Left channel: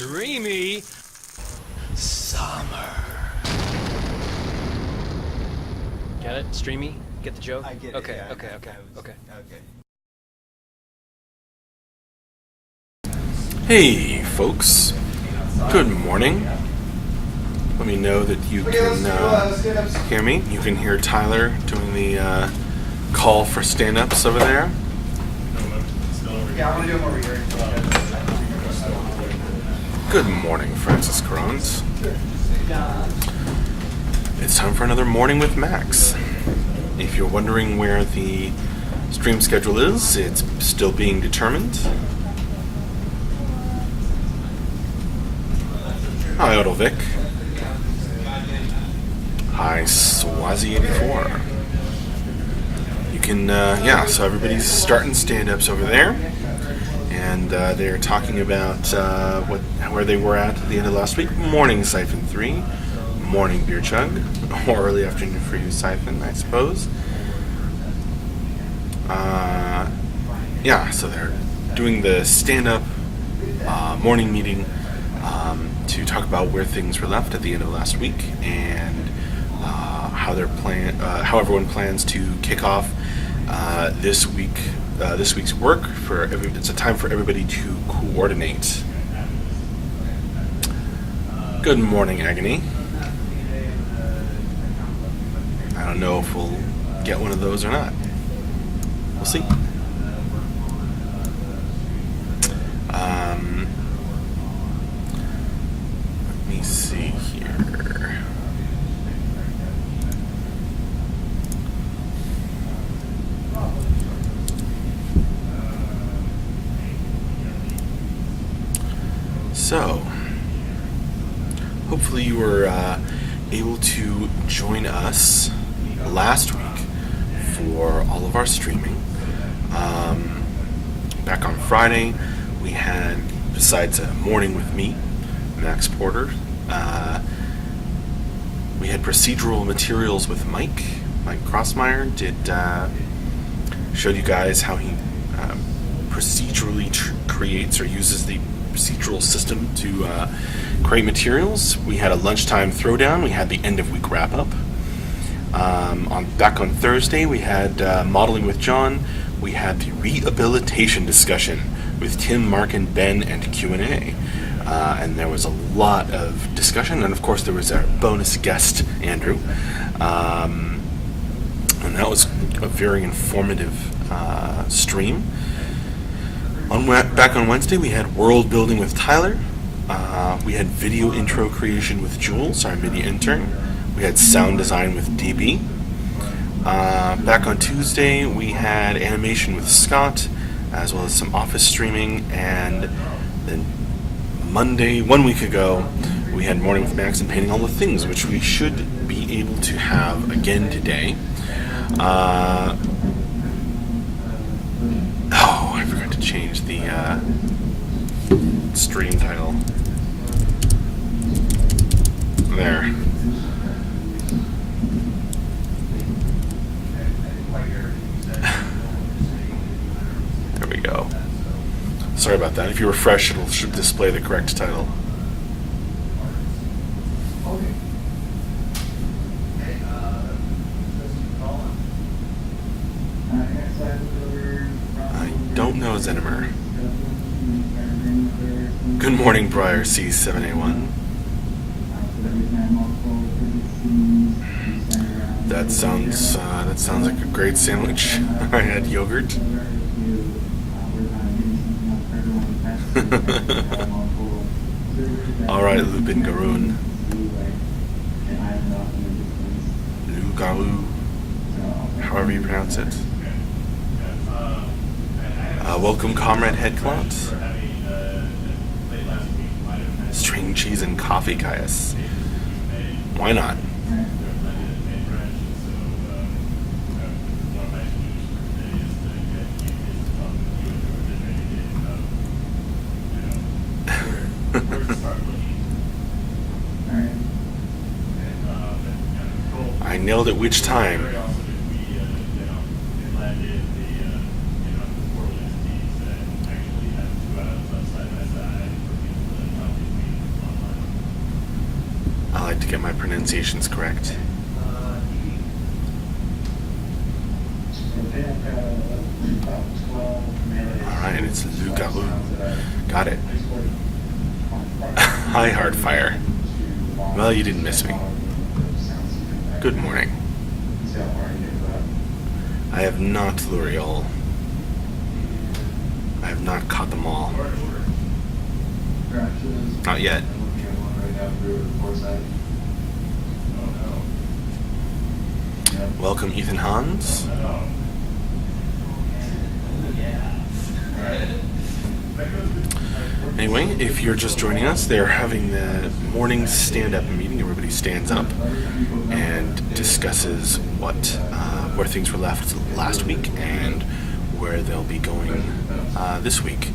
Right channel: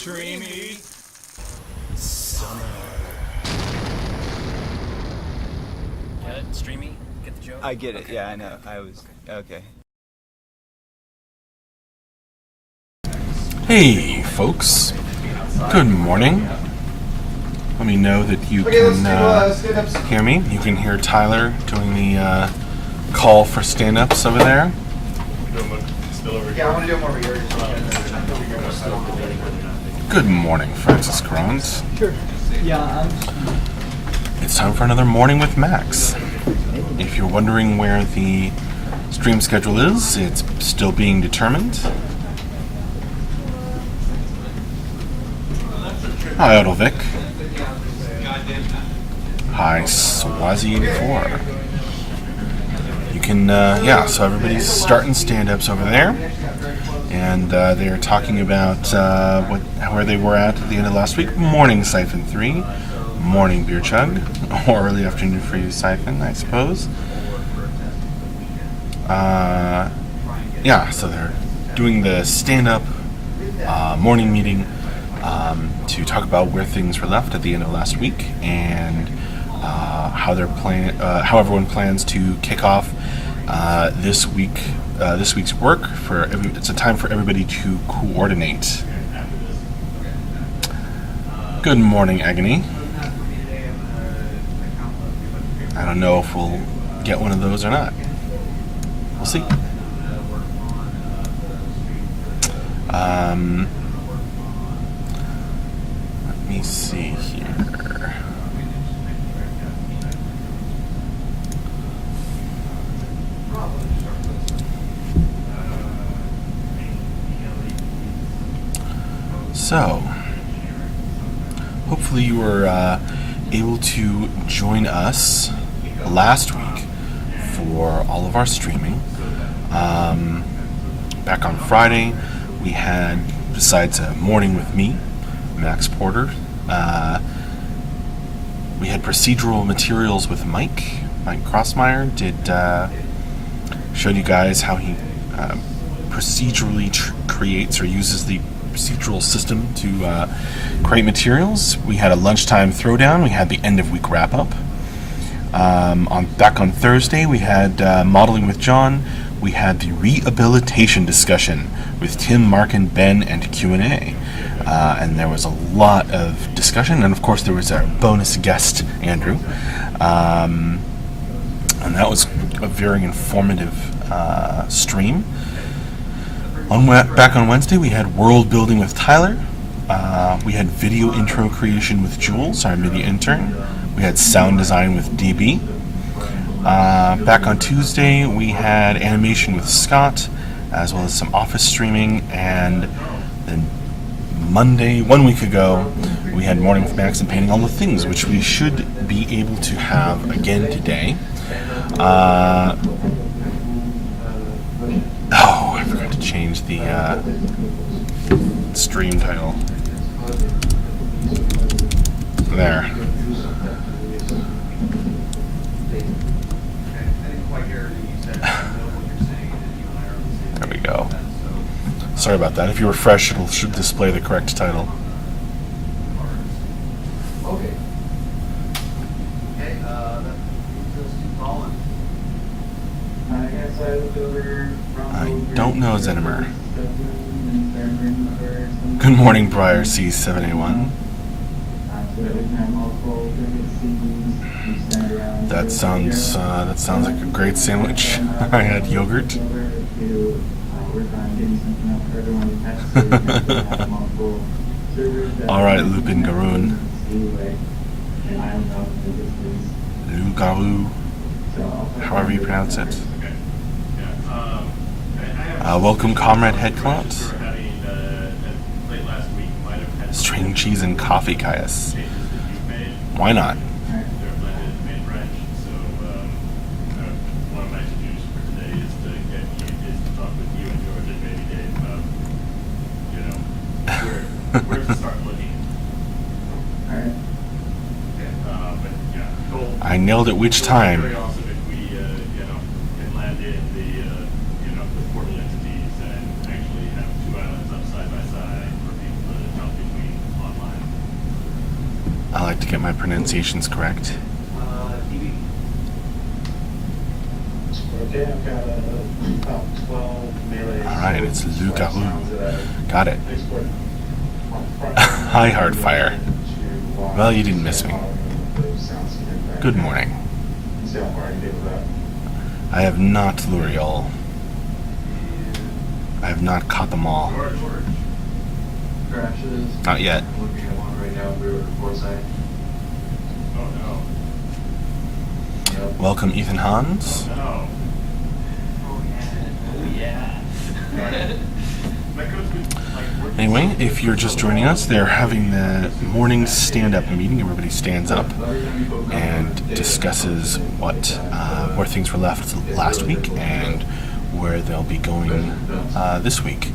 Streamy summer. Get it? Streamy? Get the joke? I get it. Okay, Yeah, okay, I know. okay. Okay. Hey, folks. Good morning. Let me know that you can hear me. You can hear Tyler doing the call for stand-ups over there. Good morning, Francis Grant. Sure. Yeah, It's time for another Morning with Max. If you're wondering where the stream schedule is, it's still being determined. Hi, Odovic. Hi, Swazi84. You can, so everybody's starting stand-ups over there. And they're talking about where they were at the end of last week. Morning, Siphon 3. Morning, Beer Chug. Or early afternoon for you, Siphon, I suppose. So they're doing the stand-up morning meeting to talk about where things were left at the end of last week and how everyone plans to kick off this week's work. It's a time for everybody to coordinate. Good morning, Agony. I don't know if we'll get one of those or not. We'll see. Let me see here. So, hopefully you were able to join us last week for all of our streaming. Back on Friday, we had, besides a morning with me, Max Porter, we had procedural materials with Mike Crossmeyer, showed you guys how he procedurally creates or uses the procedural system to create materials. We had a lunchtime throwdown. We had the end of week wrap up. Back on Thursday, we had modeling with John. We had the rehabilitation discussion with Tim, Mark, and Ben, and Q&A. And there was a lot of discussion, and of course there was a bonus guest, Andrew. And that was a very informative stream. Back on Wednesday, we had world building with Tyler. We had video intro creation with Jules, our mini intern. We had sound design with DB. Back on Tuesday, we had animation with Scott, as well as some office streaming. And then Monday, 1 week ago, we had morning with Max and painting all the things, which we should be able to have again today. I forgot to change the stream title. There. There we go. Sorry about that. If you refresh, it should display the correct title. I don't know Zenimer. Good morning, Briar C7A1. That sounds like a great sandwich. I had yogurt. All right, Lupin Garoon. Lugaru. However you pronounce it. Welcome, Comrade Headclout. String cheese and coffee, Caius. Why not? I nailed it which time? to get my pronunciations correct. Alright, it's Lugaroo. Got it. Hi, Hearthfire. Well, you didn't miss me. Good morning. I have not L'Oreal. I have not caught them all. Not yet. Welcome, Ethan Hans. Anyway, if you're just joining us, they're having the morning stand-up meeting. Everybody stands up and discusses where things were left last week and where they'll be going this week.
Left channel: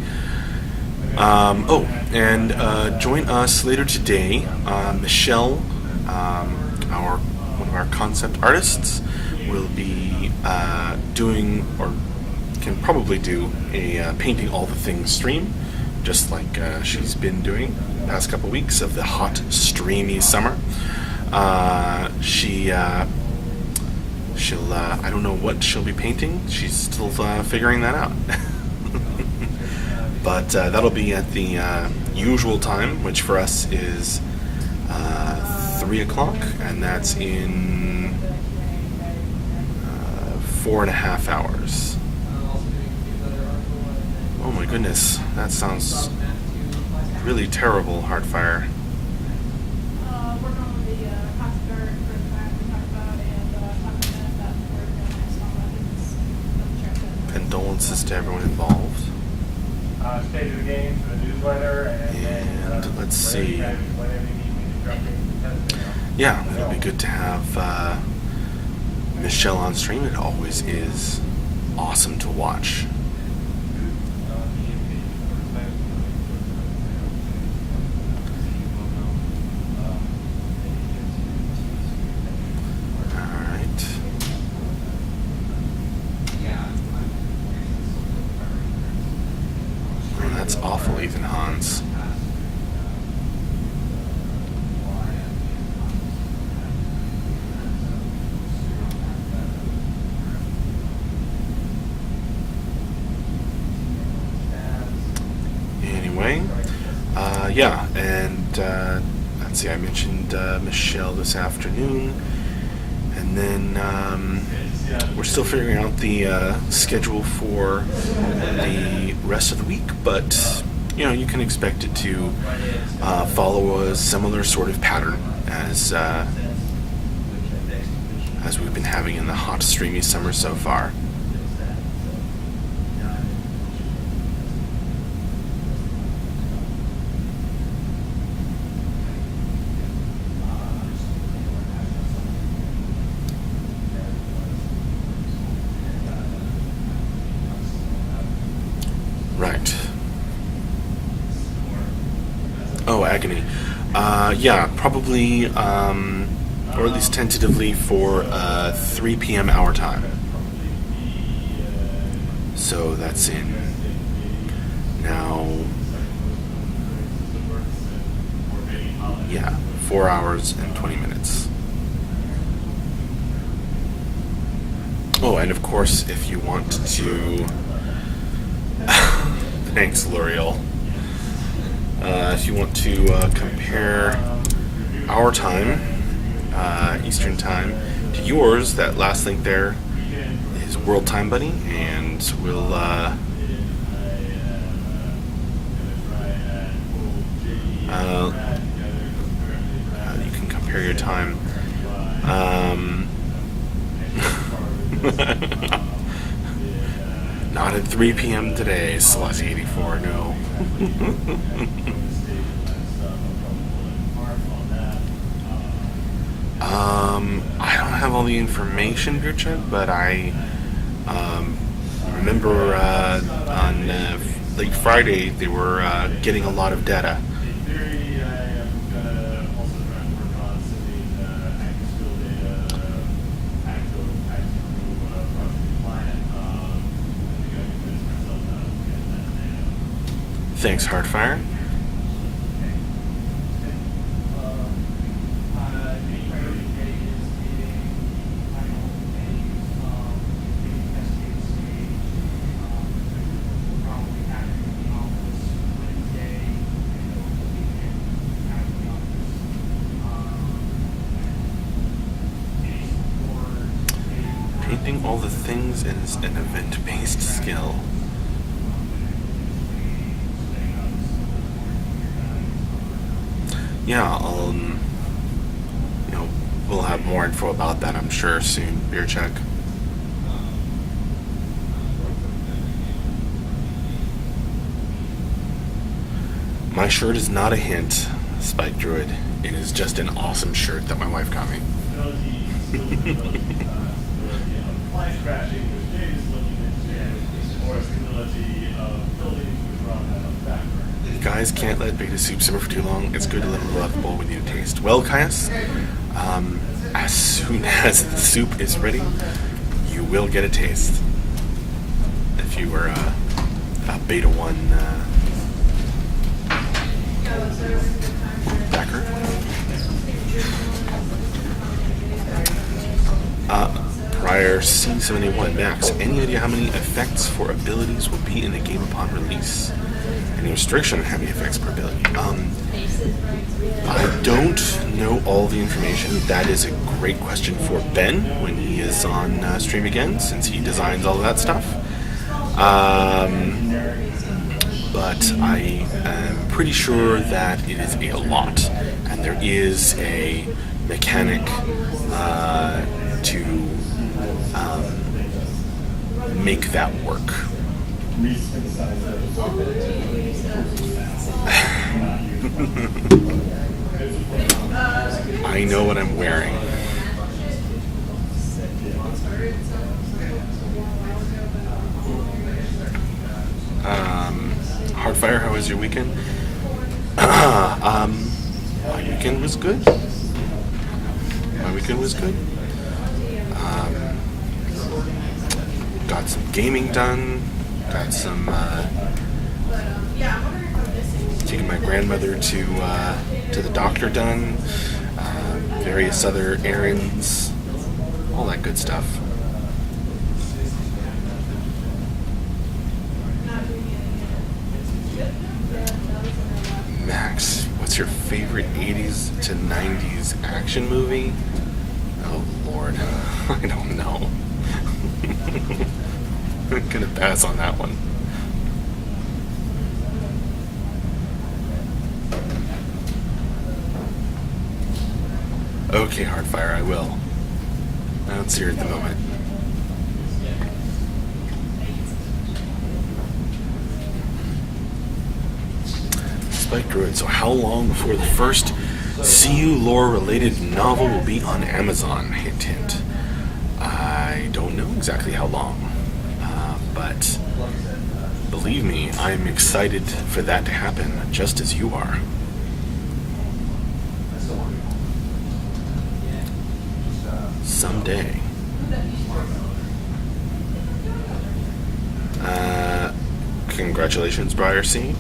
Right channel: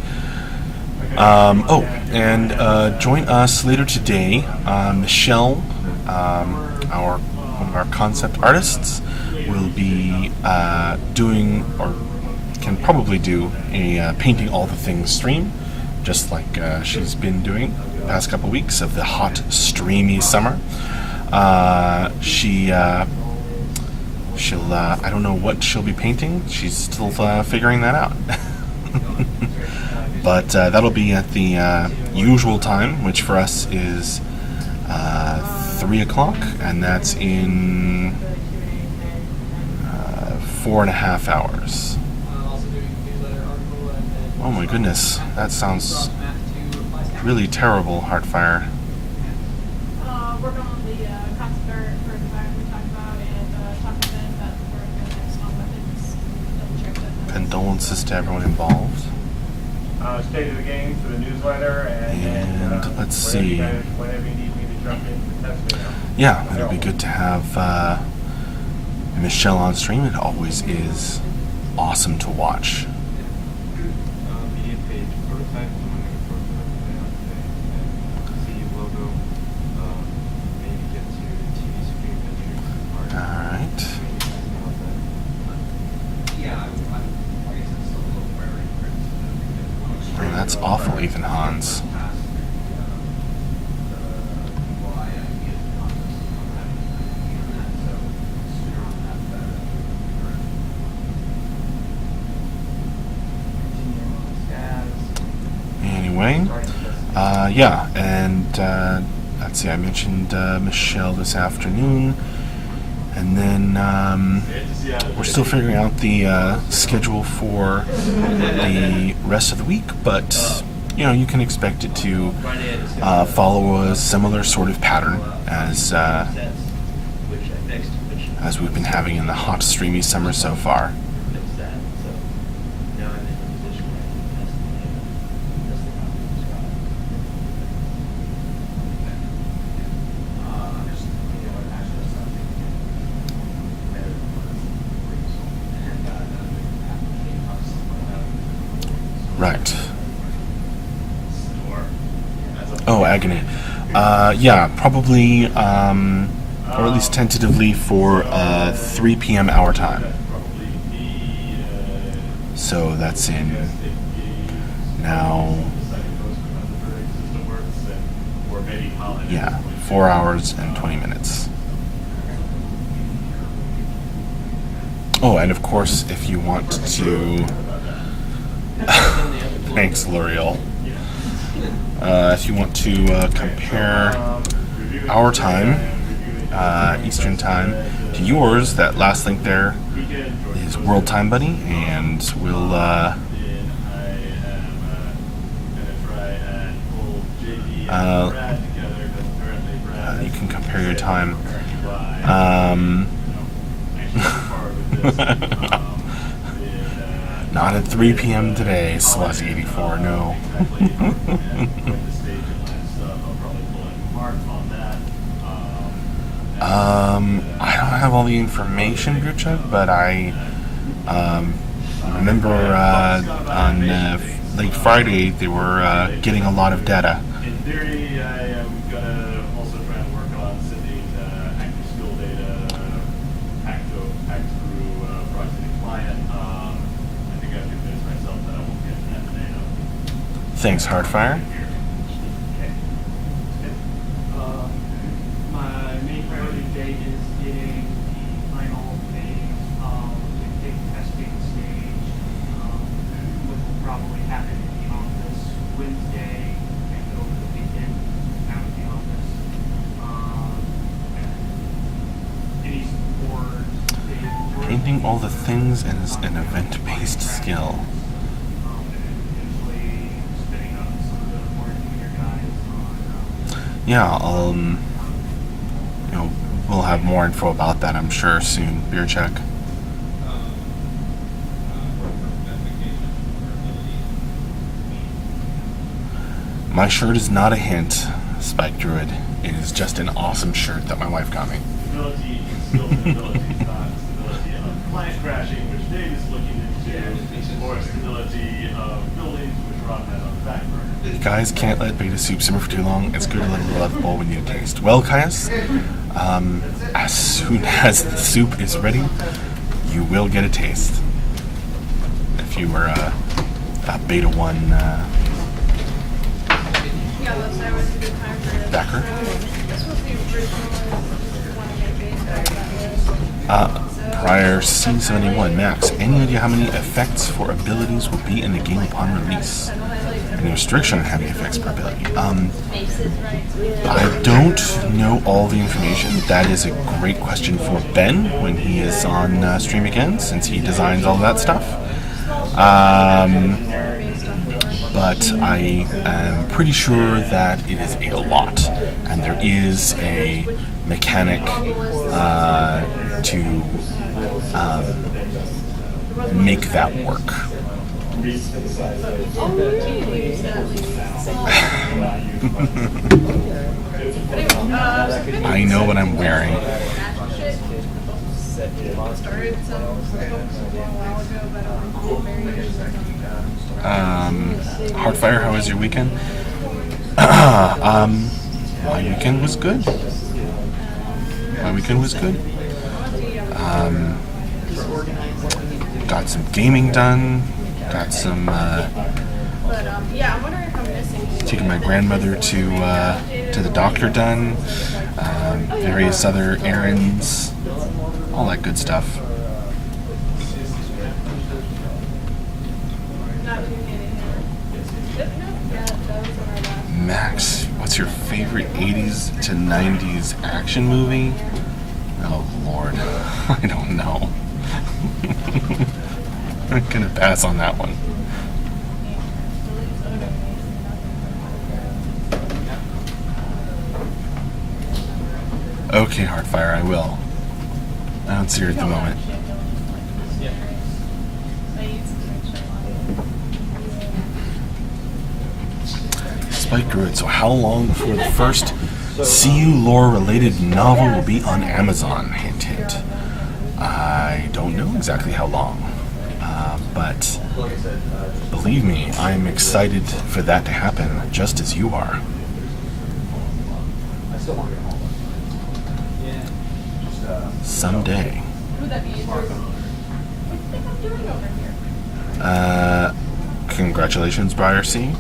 Join us later today. Michelle, one of our concept artists, will be doing, or can probably do, a Painting All the Things stream, just like she's been doing the past couple weeks of the hot, streamy summer. She'll I don't know what she'll be painting. She's still figuring that out. But that'll be at the usual time, which for us is 3 o'clock, and that's in 4.5 hours. Oh my goodness, that sounds really terrible, Hearthfire. Condolences to everyone involved. State of the game for the newsletter, and let's see. Yeah, it'll be good to have Michelle on stream. It always is awesome to watch. That's awful, Ethan Hans. Anyway, let's see, I mentioned Michelle this afternoon, and then we're still figuring out the schedule for the rest of the week, but you can expect it to follow a similar sort of pattern as we've been having in the hot, streamy summer so far. Right. Oh, agony. Probably, or at least tentatively for 3 p.m. our time. So that's in now, 4 hours and 20 minutes. Oh, and of course, if you want to... Thanks, L'Oreal. If you want to compare our time, Eastern Time, to yours, that last link there is World Time Buddy, and we'll you can compare your time. Not at 3 p.m. today, Celeste 84, no. I don't have all the information, Beer Chuck, but I remember on late Friday they were getting a lot of data. in theory, I am gonna also try and work on sending active skill data, active through processing client. I think I've convinced myself that I won't get that data. Thanks, Hearthfire. My all the things as an event-based skill. Yeah, we'll have more info about that, I'm sure, soon. Beer check. My shirt is not a hint, Spike Druid. It is just an awesome shirt that my wife got me. Guys, can't let beta soup simmer for too long. It's good to let it love bowl we need a taste. Well, Caius, as soon as the soup is ready, you will get a taste. If you were a beta 1 backer. Prior C71 Max, any idea how many effects for abilities will be in the game upon release? Any restriction on having effects per ability? I don't know all the information. That is a great question for Ben when he is on stream again, since he designs all of that stuff. But I am pretty sure that it is a lot, and there is a mechanic to make that work. I know what I'm wearing. Hearthfire, how was your weekend? My weekend was good. Got some gaming done. Got some taking my grandmother to the doctor done. Various other errands, all that good stuff. Max, what's your favorite 80s to 90s action movie? Oh Lord, I don't know. I'm gonna pass on that one. Okay, Hearthfire, I will. I don't see her at the moment. Spike Druid, so how long before the first CU lore-related novel will be on Amazon? Hint, hint. I don't know exactly how long, but believe me, I'm excited for that to happen, just as you are. Someday. Congratulations, Briar C.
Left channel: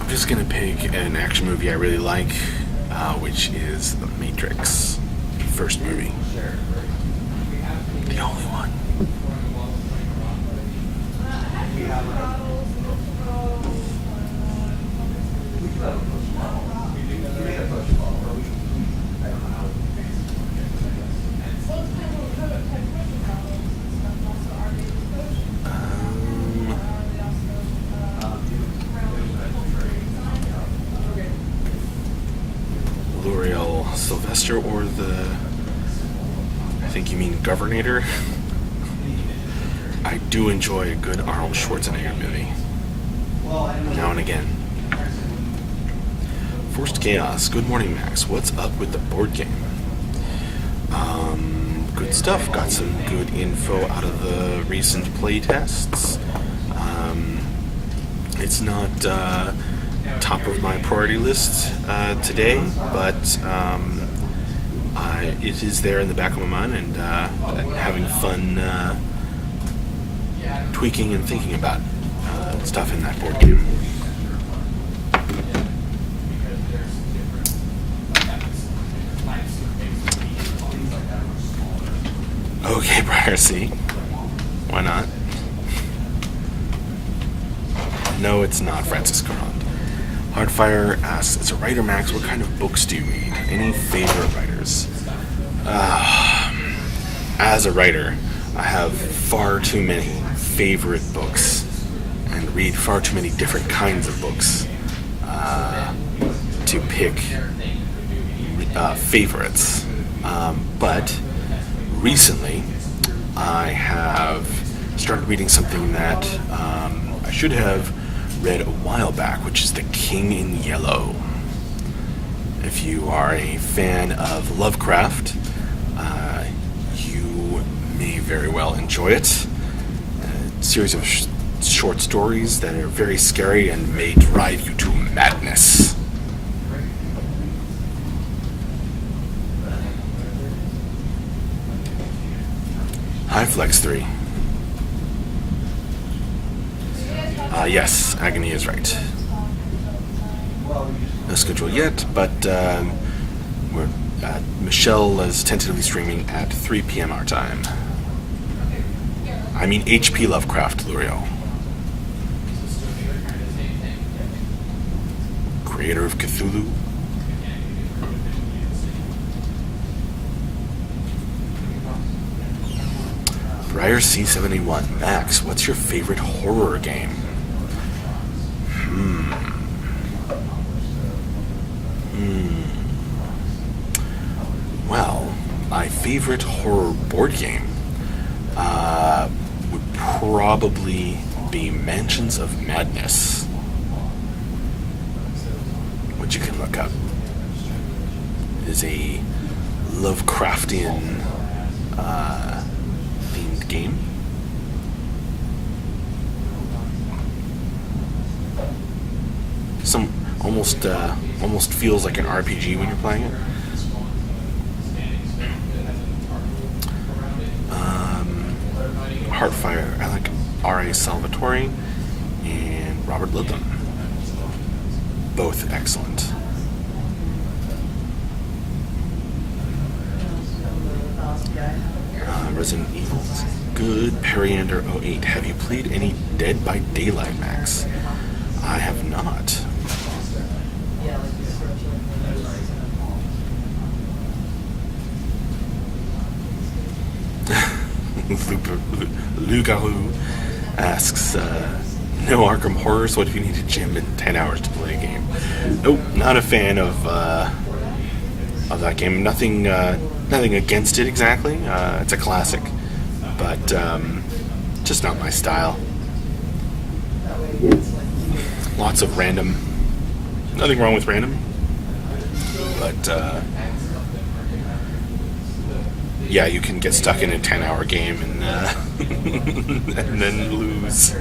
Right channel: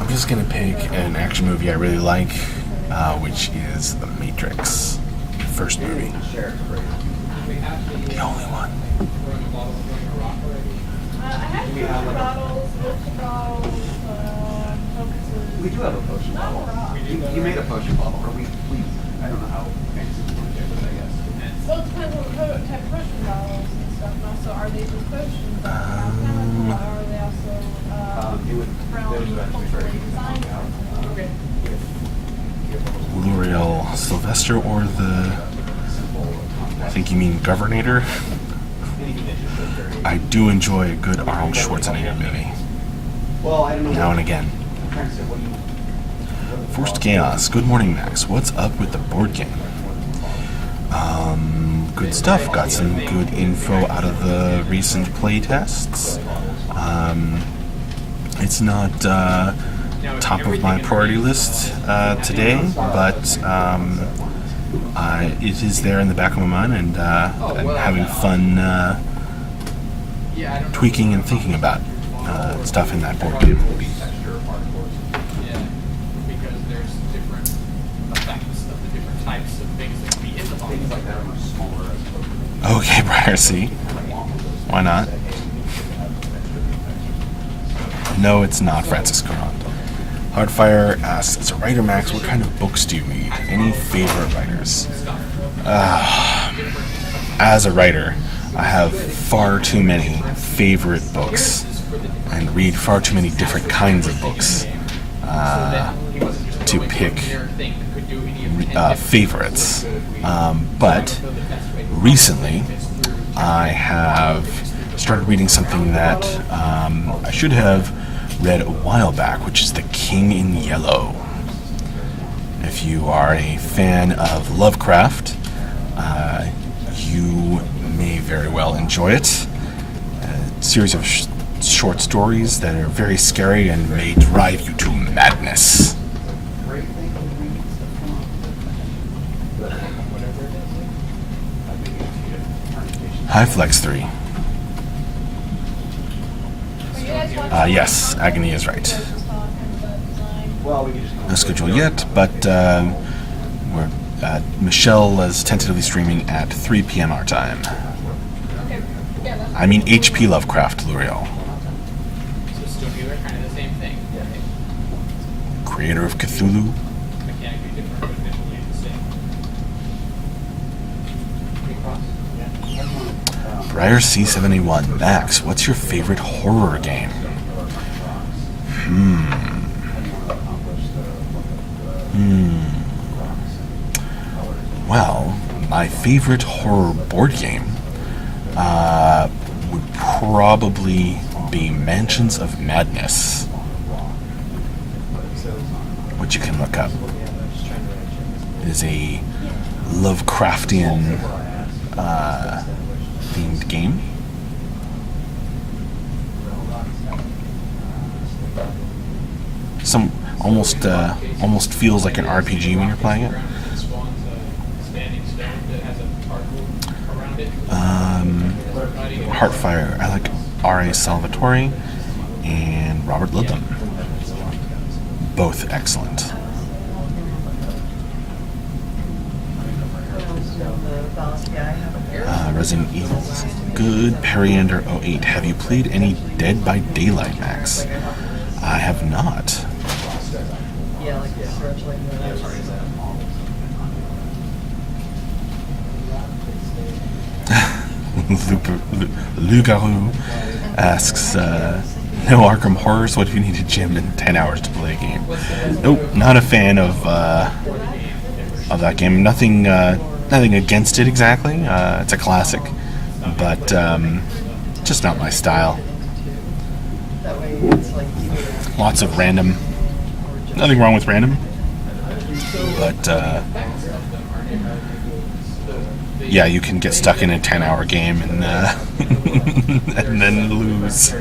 I'm just gonna pick an action movie I really like, which is The Matrix, first movie. The only one. We do have a potion bottle. You made a potion bottle, but I don't know how fancy it's going to get, I guess. Well, it depends on what type of potion bottles and stuff, and also are they just potions that are alchemical, or are they also L'Oreal Sylvester, or I think you mean Governator. I do enjoy a good Arnold Schwarzenegger movie. Now and again. Forced Chaos. Good morning, Max. What's up with the board game? Good stuff. Got some good info out of the recent play tests. It's not top of my priority list today, but it is there in the back of my mind, and having fun tweaking and thinking about stuff in that board game. Okay, Briar C. Why not? No, it's not Francis Carmond. Hearthfire asks, as a writer, Max, what kind of books do you read? Any favorite writers? As a writer, I have far too many favorite books and read far too many different kinds of books to pick favorites. But recently, I have started reading something that I should have read a while back, which is The King in Yellow. If you are a fan of Lovecraft, you may very well enjoy it. A series of short stories that are very scary and may drive you to madness. Hi, Flex 3. Yes, Agony is right. No schedule yet, but Michelle is tentatively streaming at 3 p.m. our time. I mean HP Lovecraft, L'Oreal. Creator of Cthulhu. Briar C71. Max, what's your favorite horror game? Well, my favorite horror board game would probably be Mansions of Madness, which you can look up. It is a Lovecraftian themed game. Some almost feels like an RPG when you're playing it. Hearthfire. I like R.A. Salvatore and Robert Ludlum. Both excellent. Resident Evil is good. Periander 08. Have you played any Dead by Daylight, Max? I have not. Lugaru asks, no Arkham Horror, so what if you need to gym in 10 hours to play a game? Nope, not a fan of that game. Nothing against it exactly. It's a classic, but just not my style. Lots of random. Nothing wrong with random, but yeah, you can get stuck in a 10-hour game and and then lose.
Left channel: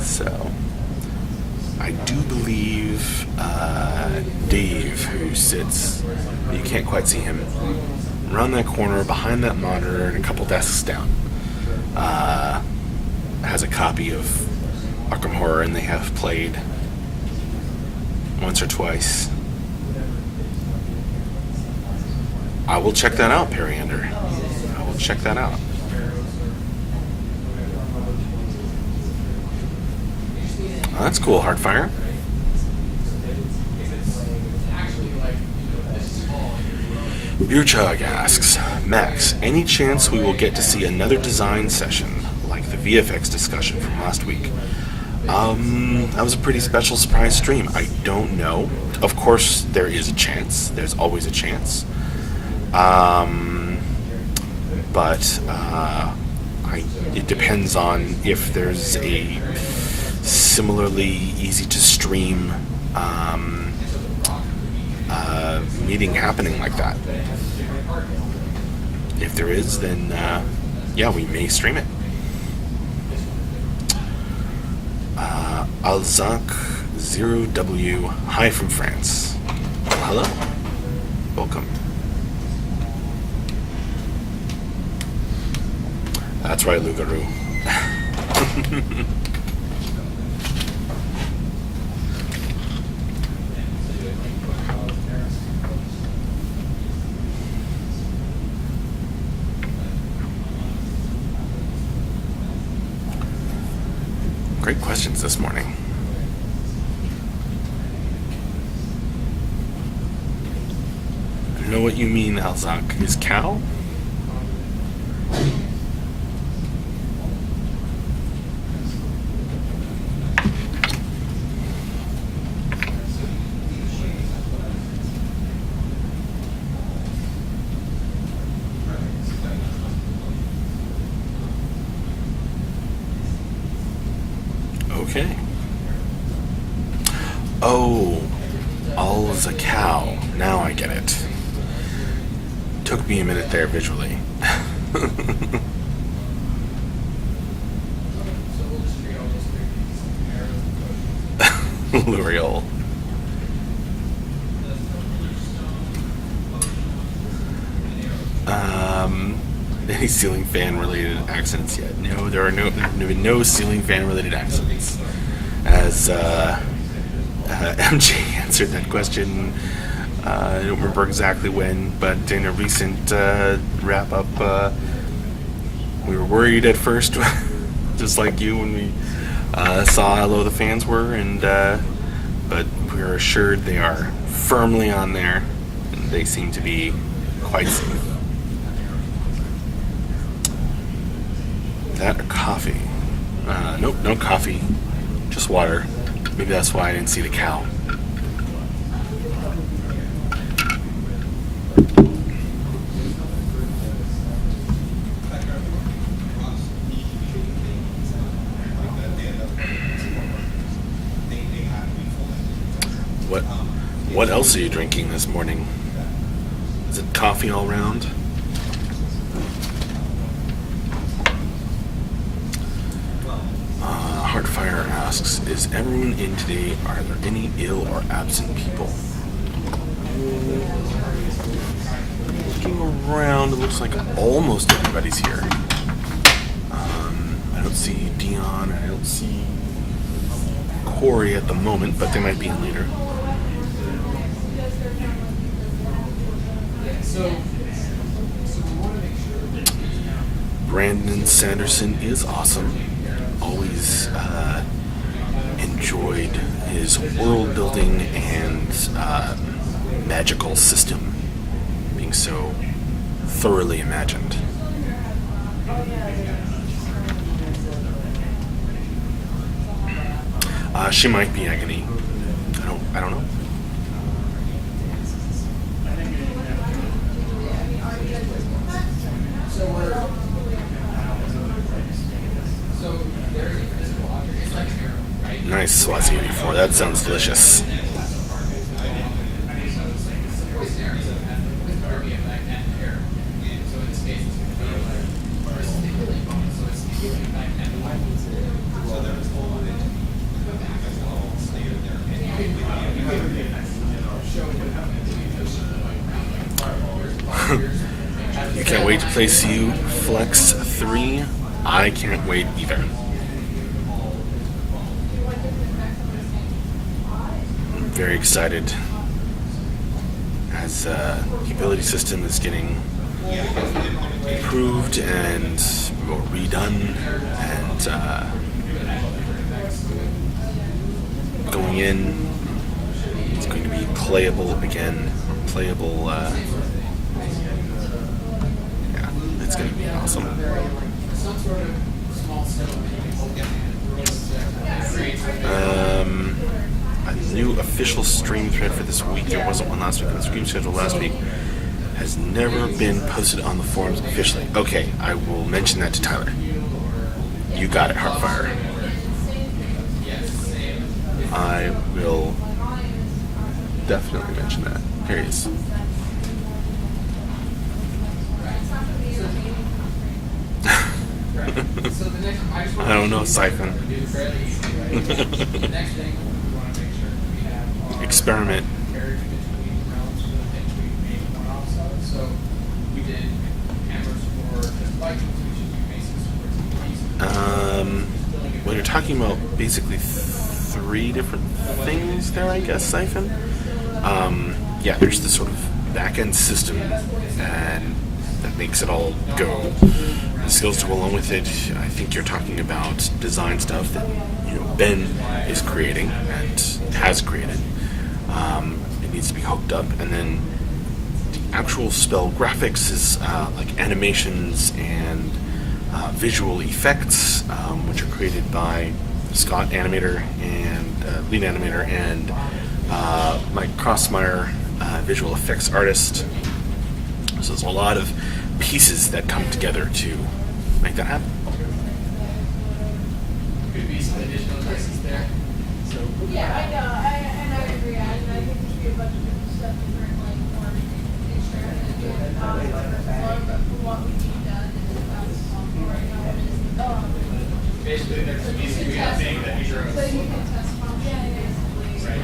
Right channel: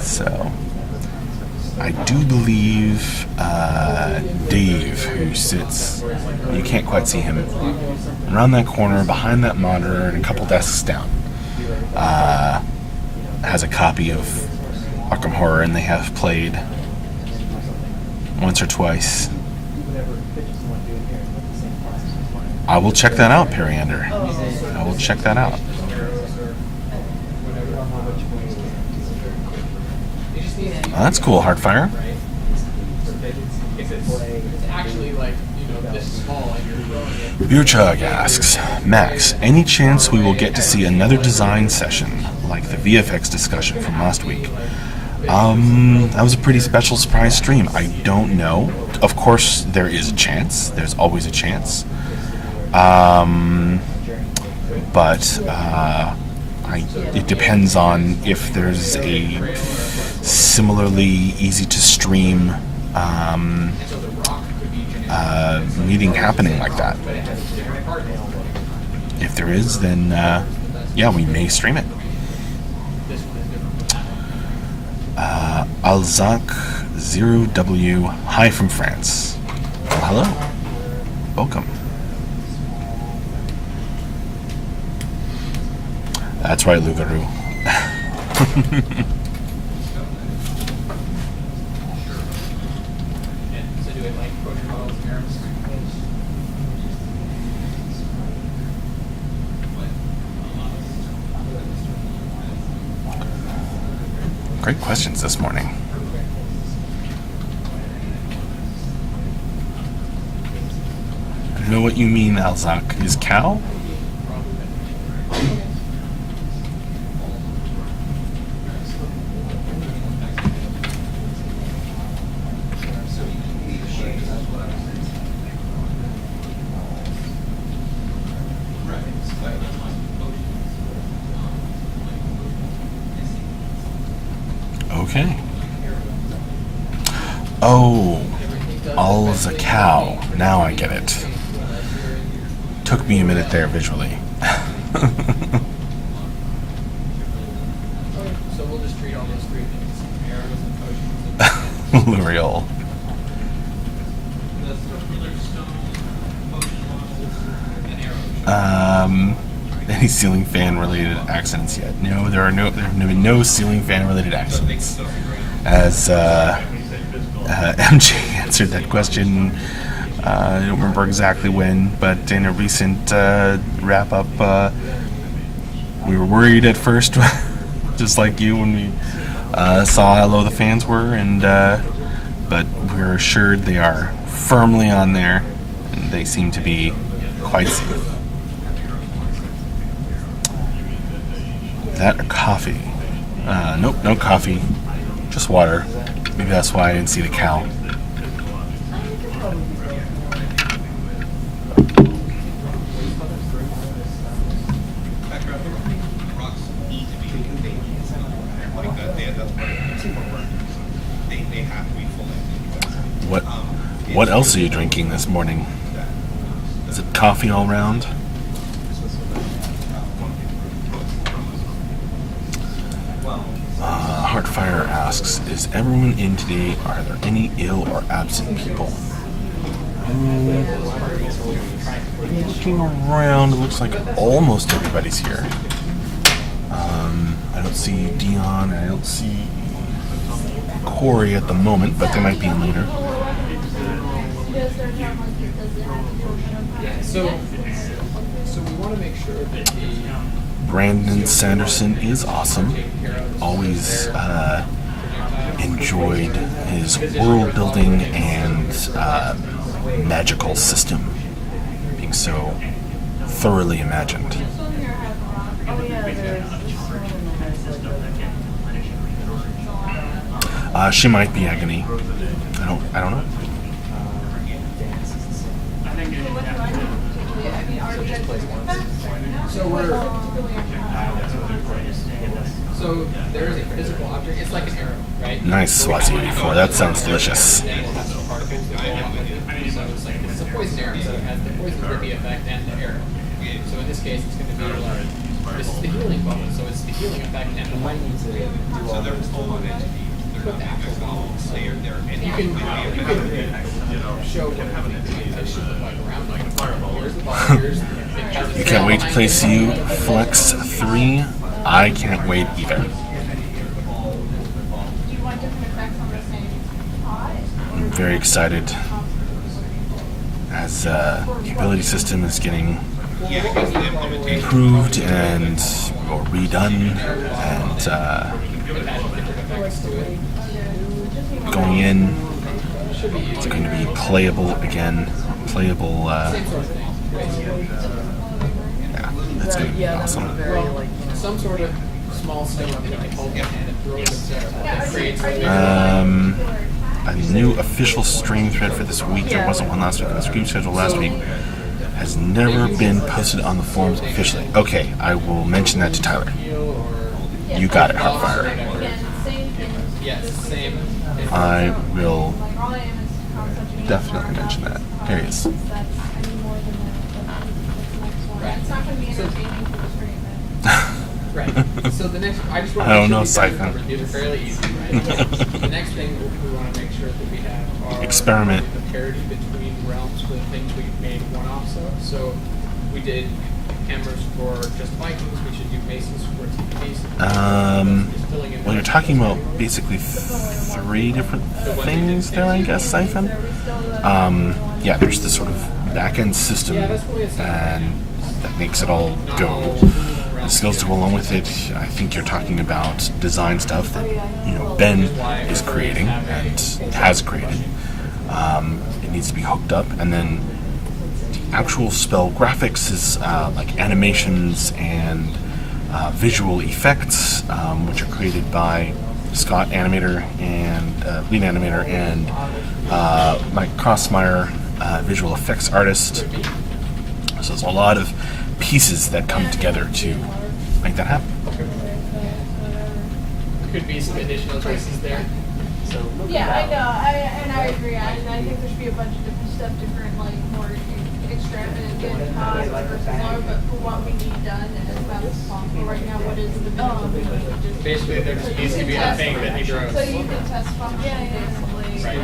So, I do believe Dave, who sits, you can't quite see him, around that corner, behind that monitor, and a couple desks down, has a copy of Arkham Horror, and they have played once or twice. I will check that out, Periander. I will check that out. Oh, that's cool, Hearthfire. Beer Chug asks, Max, any chance we will get to see another design session like the VFX discussion from last week? That was a pretty special surprise stream. I don't know. Of course, there is a chance. There's always a chance. But it depends on if there's a similarly easy to stream meeting happening like that. If there is, then yeah, we may stream it. Alzac 0W, hi from France. Well, hello. Welcome. That's right, Lugaroo. questions this morning. I know what you mean, Alzak. Is cow? Okay. Oh, all is a cow. Now I get it. Took me a minute there visually. So we'll just treat all those three things: arrows and potions. Real. Any ceiling fan related accidents yet? No, there are no ceiling fan related accidents. As MJ answered that question, I don't remember exactly when, but in a recent wrap up, we were worried at first, just like you, when we saw how low the fans were, and but we were assured they are firmly on there, and they seem to be quite safe. That or coffee? Nope, no coffee. Just water. Maybe that's why I didn't see the cow. What else are you drinking this morning? Is it coffee all round? Hearthfire asks, is everyone in today? Are there any ill or absent people? Looking around, it looks like almost everybody's here. I don't see Dion, I don't see Corey at the moment, but they might be in later. So we want to make sure that the Brandon Sanderson is awesome. Always enjoyed his world building and magical system being so thoroughly imagined. She might be Agony. I don't know. So there is a physical object. It's like an arrow, right? Nice Swazi 84. That sounds delicious. So it's a poison arrow. So it has the poison trippy effect and the arrow. So in this case, it's going to be like this is the healing bubble. So it's the healing effect and the lightning. So you can show what it should look like around. Like here's the bubble. You can't wait to play CU Flex 3. I can't wait either. Do you want different effects on the same pot? I'm very excited as the ability system is getting improved and or redone and going in. It's going to be playable again. Playable. It's going to be awesome. Well, some sort of small stone that you can hold in and throw it there. A new official stream thread for this week. There wasn't one last week. The stream schedule last week has never been posted on the forums officially. Okay, I will mention that to Tyler. You got it, Hearthfire. Yes, same. I will definitely mention that. Here he is. Right. So the next, I just want I to don't know, make sure Siphon. these are fairly easy, right? The next thing we want to make sure that we have are Experiment. the parity between realms for the things we made one-offs of. So we did hammers for just Vikings. We should do maces for TPs. Well, you're talking about basically 3 different things there, I guess, Siphon. Yeah, there's this sort of back-end system, and that makes it all go. skills to go along with it. I think you're talking about design stuff that Ben is creating and has created. It needs to be hooked up, and then the actual spell graphics is like animations and visual effects, which are created by Scott animator and lead animator and Mike Crossmeyer, visual effects artist. So there's a lot of pieces that come together to make that happen. Could be some additional choices there. So Yeah, I know, and I agree. I think there should be a bunch of different stuff, different, like, more extravagant costs versus low, but for what we need done, and as fast as possible right now, what is the minimum? basically, there needs to be a thing that he draws. So you can test function, basically. Right.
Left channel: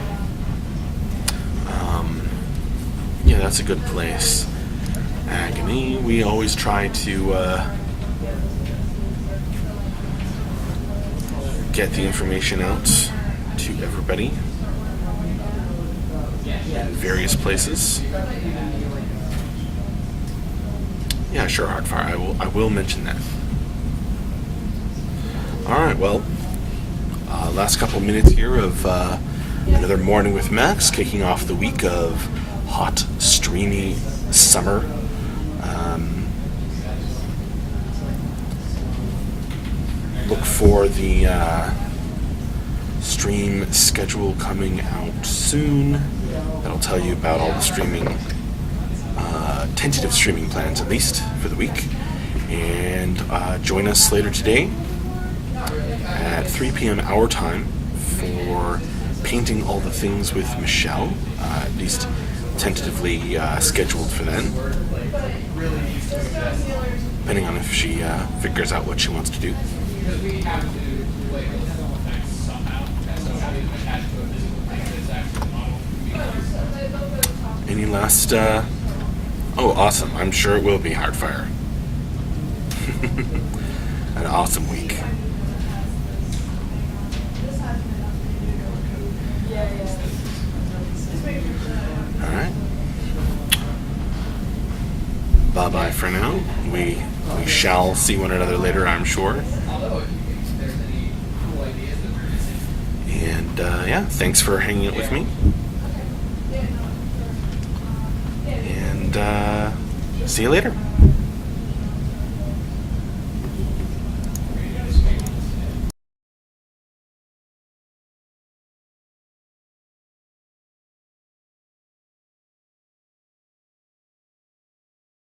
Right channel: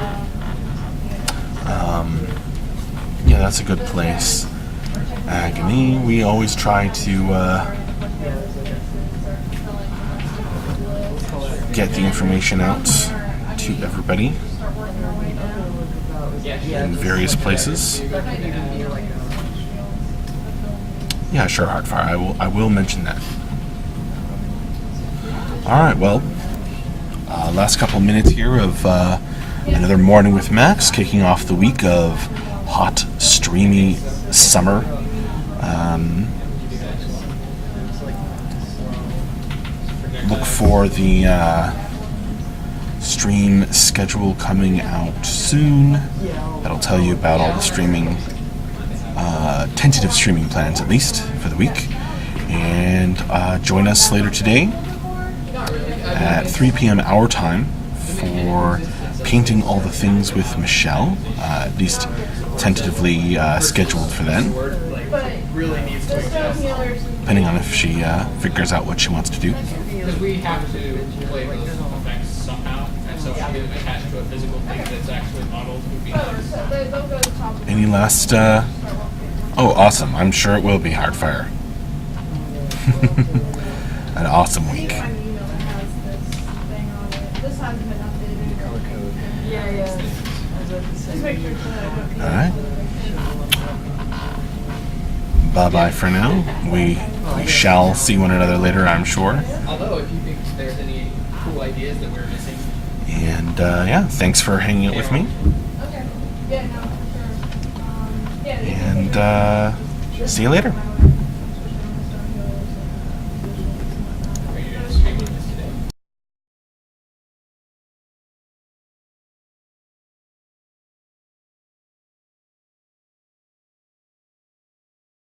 Yeah, that's a good place. Agony, we always try to get the information out to everybody in various places. Yeah, sure, Hearthfire. I will mention that. All right, well, last couple minutes here of another morning with Max, kicking off the week of hot, streamy summer. Look for the stream schedule coming out soon. That'll tell you about all the streaming, tentative streaming plans, at least for the week. And join us later today at 3 p.m. our time for Painting All the Things with Michelle, at least tentatively scheduled for then, depending on if she figures out what she wants to do. Because we have to play those effects somehow, and so having them attached to a physical thing that's actually modeled would be nice. Any last... Oh, awesome. I'm sure it will be Hearthfire. An awesome week. Alright. Bye-bye for now. We shall see one another later, I'm sure. Although, if you think there's any cool ideas that we're missing. And, yeah, thanks for hanging out with me. Okay. Yeah, no, for sure. And, see you later.